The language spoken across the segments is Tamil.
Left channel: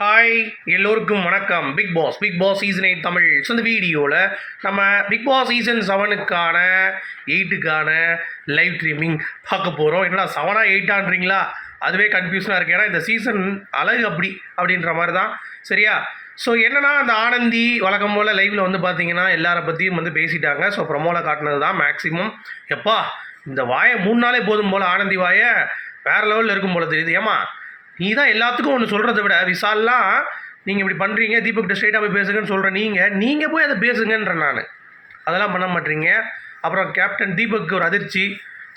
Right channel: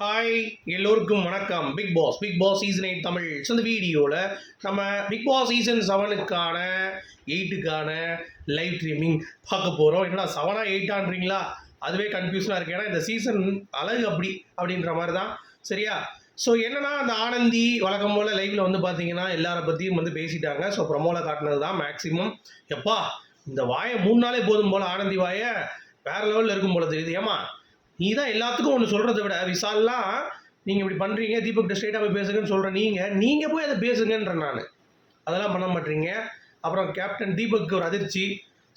ஹாய் எல்லோருக்கும் வணக்கம். Big boss big boss season eight Tamil. So இந்த வீடியோவில் நம்ம பிக் பாஸ் சீசன் செவனுக்கான எயிட்டுக்கான லைவ் ஸ்ட்ரீமிங் பார்க்க போகிறோம் என்னடா செவனா எயிட்டான்றீங்களா அதுவே கன்ஃபியூஷனாக இருக்குது ஏன்னா இந்த சீசன் அழகு அப்படி அப்படின்ற மாதிரி தான். சரியா? ஸோ என்னன்னா அந்த ஆனந்தி வழக்கம் போல் லைவில் வந்து பார்த்தீங்கன்னா எல்லாரை பற்றியும் வந்து பேசிட்டாங்க. ஸோ ப்ரொமோவில் காட்டினது தான் மேக்ஸிமம் எப்பா இந்த வாயை மூணு நாளே போதும் போல் ஆனந்தி வாயை வேறு லெவலில் இருக்கும் போல தெரியுது. ஏமா நீ தான் எல்லாத்துக்கும் ஒன்று சொல்கிறத விட விசால்லாம் நீங்கள் இப்படி பண்ணுறீங்க தீபக்கிட்ட ஸ்ட்ரைட்டாக போய் பேசுங்கன்னு சொல்கிற நீங்கள் நீங்கள் போய் அதை பேசுங்கன்றேன் நான். அதெல்லாம் பண்ண மாட்டீங்க. அப்புறம் கேப்டன் தீபக்கு ஒரு அதிர்ச்சி.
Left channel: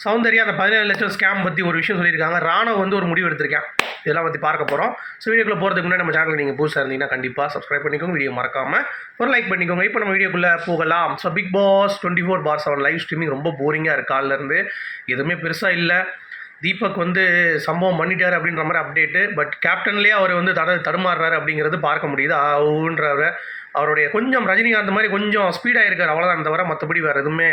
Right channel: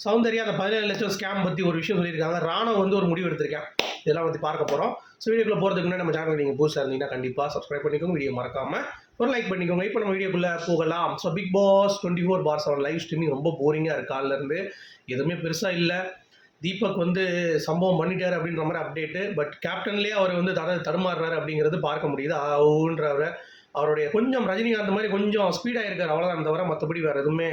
சௌந்தர்யா அந்த பதினேழு லட்சம் ஸ்கேம் பற்றி ஒரு விஷயம் சொல்லியிருக்காங்க. ராணவ் வந்து ஒரு முடிவு எடுத்திருக்கேன். இதெல்லாம் பற்றி பார்க்க போகிறோம் ஸோ வீடியோக்குள்ளே போகிறதுக்கு முன்னாடி நம்ம சேனல் நீங்கள் புதுசாக இருந்தீங்கன்னா கண்டிப்பாக சப்ஸ்கிரைப் பண்ணிக்கோங்க. வீடியோ மறக்காமல் ஒரு லைக் பண்ணிக்கோங்க. இப்போ நம்ம வீடியோக்குள்ளே போகலாம். So big boss twenty four by seven live streaming ரொம்ப போரிங்காக இருக்கு. காலிலேருந்து எதுவுமே பெருசாக இல்லை. தீபக் வந்து சம்பவம் பண்ணிட்டார் அப்படின்ற மாதிரி அப்டேட்டு பட் கேப்டன்லேயே அவர் வந்து தட தடுமாறுறாரு அப்படிங்கிறது பார்க்க முடியுது. ஆவுன்றவர் அவருடைய கொஞ்சம் ரஜினிகாந்த் மாதிரி கொஞ்சம் ஸ்பீடாக இருக்கார் அவ்வளோதான் தவிர மற்றபடி வேறு எதுவுமே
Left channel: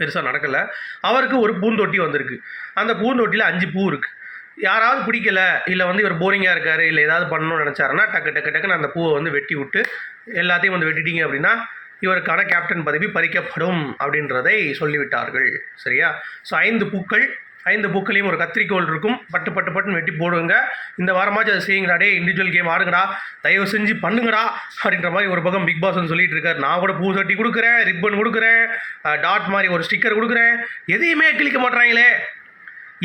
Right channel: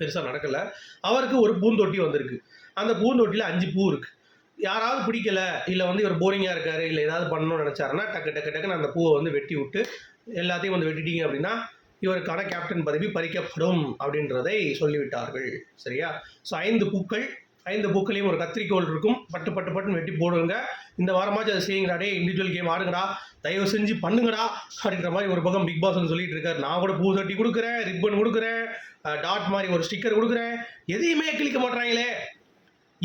பெருசாக நடக்கலை. அவருக்கு ஒரு பூந்தொட்டி வந்திருக்கு. அந்த பூந்தொட்டியில் அஞ்சு பூ இருக்குது யாராவது பிடிக்கல இல்லை வந்து இவர் போரிங்காக இருக்காரு இல்லை ஏதாவது பண்ணணும்னு நினச்சாருன்னா டக்கு டக்கு டக்குன்னு அந்த பூவை வந்து வெட்டி விட்டு எல்லாத்தையும் வந்து வெட்டிட்டீங்க அப்படின்னா இவருக்கான கேப்டன் பதவி பறிக்கப்படும் அப்படின்றதை சொல்லிவிட்டார்கள். சரியா? ஸோ ஐந்து பூக்கள் ஐந்து பூக்களையும் ஒரு கத்திரிக்கோல் இருக்கும். பட்டு பட்டு பட்டுன்னு வெட்டி போடுங்க. இந்த வாரமாச்சும் அதை செய்யுங்கடா. டே இண்டிவிஜுவல் கேம் ஆடுங்கடா. தயவு செஞ்சு பண்ணுங்கடா. அப்படின்ற மாதிரி ஒரு பக்கம் பிக் பாஸ் வந்து சொல்லிட்டு இருக்காரு. நான் கூட பூ சட்டி கொடுக்குறேன் ரிப்பன் கொடுக்குறேன் டாட் மாதிரி ஒரு ஸ்டிக்கர் கொடுக்குறேன். எதையுமே கிளிக்க மாட்றாங்களே.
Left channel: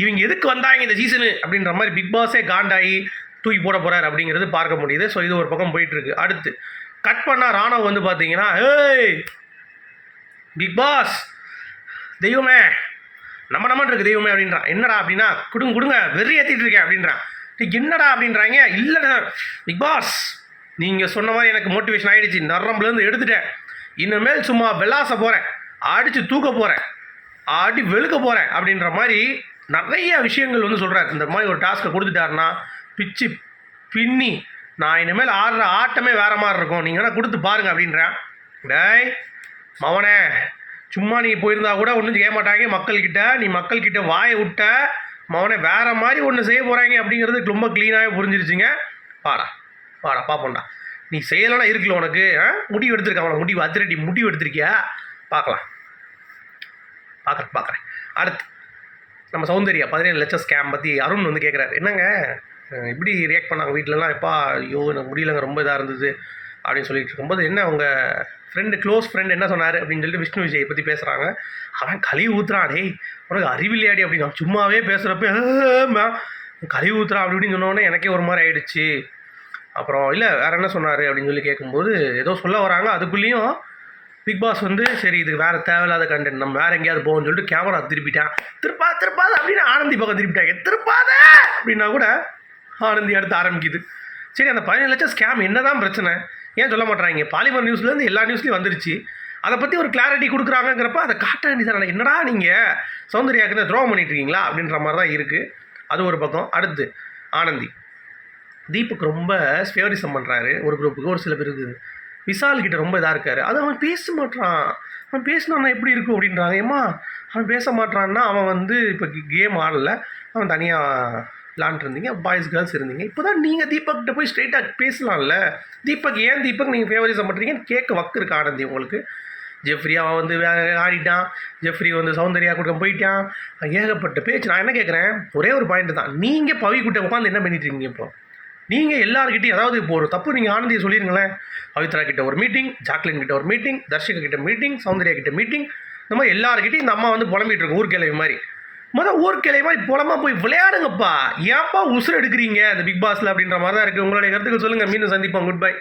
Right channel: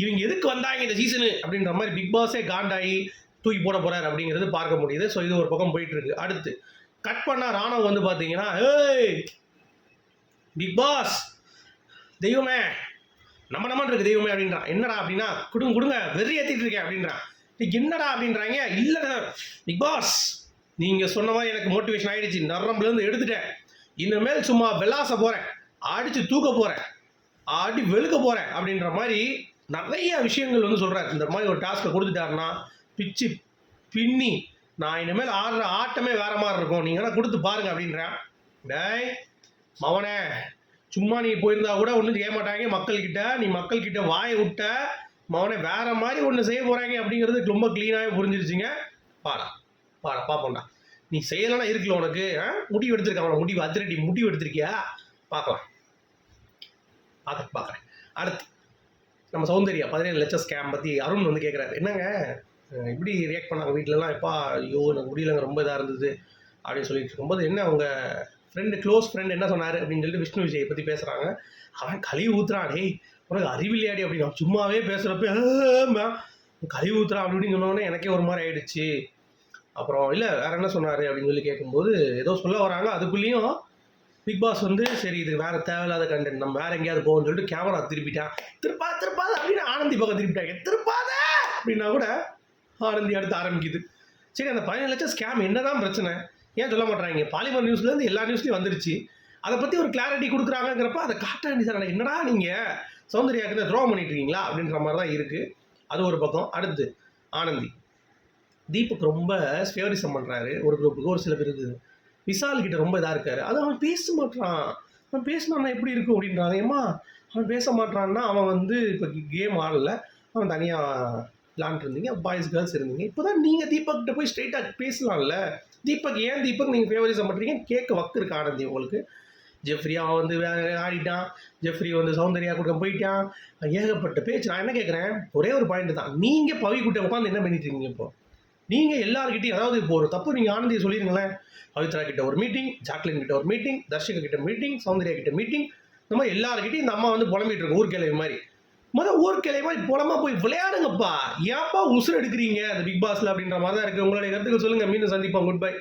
இவங்க எதுக்கு வந்தாங்க இந்த சீசனு அப்படின்ற மாதிரி பிக் பாஸே காண்டாகி தூக்கி போட போகிறார் அப்படிங்கிறது பார்க்க முடியுது. ஸோ இது ஒரு பக்கம் போயிட்டு இருக்கு. அடுத்து கட் பண்ணால் ராணவ் வந்து பார்த்தீங்கன்னா ஏய் பிக் பாஸ் தெய்வமே நம்ம நம்ம இருக்கு தெய்வமே அப்படின்றான் என்னடா அப்படின்னா கொடுங்க கொடுங்க வெறி ஏற்றிட்டு இருக்கேன் அப்படின்றான் என்னடா அப்படின்றாங்க? இல்லைடா பிக் பாஸ் நீங்கள் சொன்ன மாதிரி எனக்கு மோட்டிவேஷன் ஆகிடுச்சு நரம்புலேருந்து எடுத்துட்டேன். இனிமேல் சும்மா வெளாச போகிறேன் அடித்து தூக்க போகிறேன் ஆடி வெளுக்க போகிறேன் அப்படின்ற மாதிரி நிறைய விஷயங்கள் வந்து சொல்கிறார் இந்த மாதிரி ஒரு டாஸ்க்கை கொடுத்துட்டாருன்னா பிச்சு பின்னி நான் இனிமேல் ஆடுற ஆட்டமே வேறு மாதிரி இருக்கும். நீங்கள் வேணால் கொடுத்து பாருங்க அப்படின்றேன் டேய் மவனே சும்மா நீ போயிருந்தா கூட ஒன்றும் செய்ய மாட்டாங்க. மக்கள்கிட்ட நீ மக்கள்கிட்ட வாயை விட்ட மவனே வேற மாதிரி ஒன்று செய்ய போகிறாங்க அப்படிங்கிறது ரொம்ப க்ளீனாகவே புரிஞ்சிருச்சுங்க. பாடா பாடா பார்ப்போம்டா நீ செய்யலைன்னா இருக்குல்ல உனக்கு ஆ? முடிவு எடுத்திருக்க அவனை முடிவு அதிரடி முடிவு எடுத்திருக்கியா? பார்க்கலாம் பார்க்குறேன் பார்க்குறேன் அடுத்து நம்ம சௌந்தர்யா பதினேழு லட்சம் ஸ்கேம் பற்றி அருண் வந்து கேட்குறாரு என்னங்க? இப்படி ரியாக்ட் பண்ணாங்க வீட்டிலலாம் எப்பா ஐயோ எனக்கு முடியலங்க ரொம்ப இதாக இருந்தது. அப்படின்னு சொல்லிட்டு இருக்கும்போது என்ன உங்கள் ஃப்ரெண்டு க்ளோஸ் ஃப்ரெண்ட் என்ன சொன்னார் அப்படின்னு சொல்லிட்டு விஷ்ணு விஜயை பற்றி பேசுகிறாங்க அவன் கழுவி ஊத்துறான். டேய் உனக்கு அறிவில்லையாடி அப்படின்னு சும்மாவே பேசுகிறப்ப கழுவி ஊத்துறான் அப்படின்னு சொன்னோடனே எனக்கே ஒரு மாதிரி ஆயிடுச்சு. அப்புறம் இல்லை வேற என்ன சொன்னார்? அப்படின்னு சொல்லி கேட்கும்போது ஏதோ சொல்ல வராங்க. அதுக்குள்ளேயும் பிக் பாஸ் வந்து சரி இது வேறு தேவையில்லாத கண்டென்ட் நம்ம வேறு எங்கேயாவது போகணும்னு சொல்லிட்டு கேமரா திருப்பிட்டான். திருப்பா திருப்பாத அப்படின்னு ஆனந்தி பக்கம் திருப்பிட்டாங்க. திருப்பாத அப்படின்னா கூட ஆனந்தி அடுத்து ஆரம்பிக்குது. சரி அந்த பதினேழு லட்சம் ஸ்கேம் என்ன தான் பிரச்சனை. ஏன் சொல்ல மாட்டாங்க பாலிமர் நியூஸ்லேருந்து எல்லா நியூஸ்லையும் வந்துருச்சு. அதை பற்றி ஒரு கிளாரிட்டி கொடுக்குறாங்கங்கிறப்ப அதை காட்ட வேண்டியதான என்னடா நீங்கள் சௌந்தர்யாக்குன்னு துரோகம் பண்ணிட்டு இருக்கீங்களா? அப்படின்ற மாதிரி தான் இருக்குது அது ஒரு பக்கம். அடுத்து ஆனந்தி. தீபக் ரொம்ப ஃபேவரிசம் பண்ணுறாரு ஒரு குரூப்புக்கு ஒரு சில பேருக்கு விசால் கிட்ட ரொம்ப இதாக இருக்காரு. அது அவன் பேச மாட்டான் அவன் பேசினான்னா எப்படி இருக்கும் அப்படின்றாங்க. ஏம்மா அவன் பேச மாட்டான்னா அவன் வந்து இப்போ கேம் ஆடலை. அவன் தனியாக விளாண்டுருந்தீங்க பாய்ஸ் கேர்ள்ஸ் இருந்தீங்க. இப்போ தான் நீங்கள் தீபக்கிட்ட போய் ஸ்ட்ரைட்டாக பேசலாம்ல. தீபக் ஏன் தீபக் நீங்கள் ஃபேவரிசம் பண்ணுறீங்கன்னு கேட்க வக்கு இருக்கு ஆனந்தி உங்களுக்கு. ஜெஃப்ரி அவன் வந்து ஆடிட்டான். ஜெஃப்ரி வந்து சௌந்தர்யா கூட்டம் போயிட்டான். ஏகப்பட்ட பேச்சு. நான் என்ன கேட்குறேன்? ஒரே ஒரு பாயிண்ட் தான். நீங்கள் பவி கூட்ட உட்காந்து என்ன பண்ணிட்டு இருக்கீங்க இப்போ? நீங்கள் எல்லாருக்கிட்டையும் அதாவது இப்போ ஒரு தப்பு நீங்கள் ஆனந்தியை சொல்லிருங்களேன். பவித்ரா கிட்ட ஒரு மீட்டிங் ஜாக்லின் கிட்ட ஒரு மீட்டிங் தர்ஷிகா கிட்ட மீட்டிங் சௌந்தர்யா கிட்ட மீட்டிங் இந்த மாதிரி எல்லாருக்கிட்டையும் இந்த அம்மா வந்து புலம்பிட்டு இருக்கும் கிளவி மாதிரி. மொதல் ஊர்க்கிழமை மாதிரி போலமாக போய் விளையாடுங்கப்பா. ஏன்ப்பா உசுறு எடுக்கிறீங்க? அந்த பிக் பாஸில் அப்படின்ற மாதிரி தான் இருக்குது உங்களுடைய கருத்துக்கள் சொல்லுங்கள் மீண்டும் சந்திப்போம். Good bye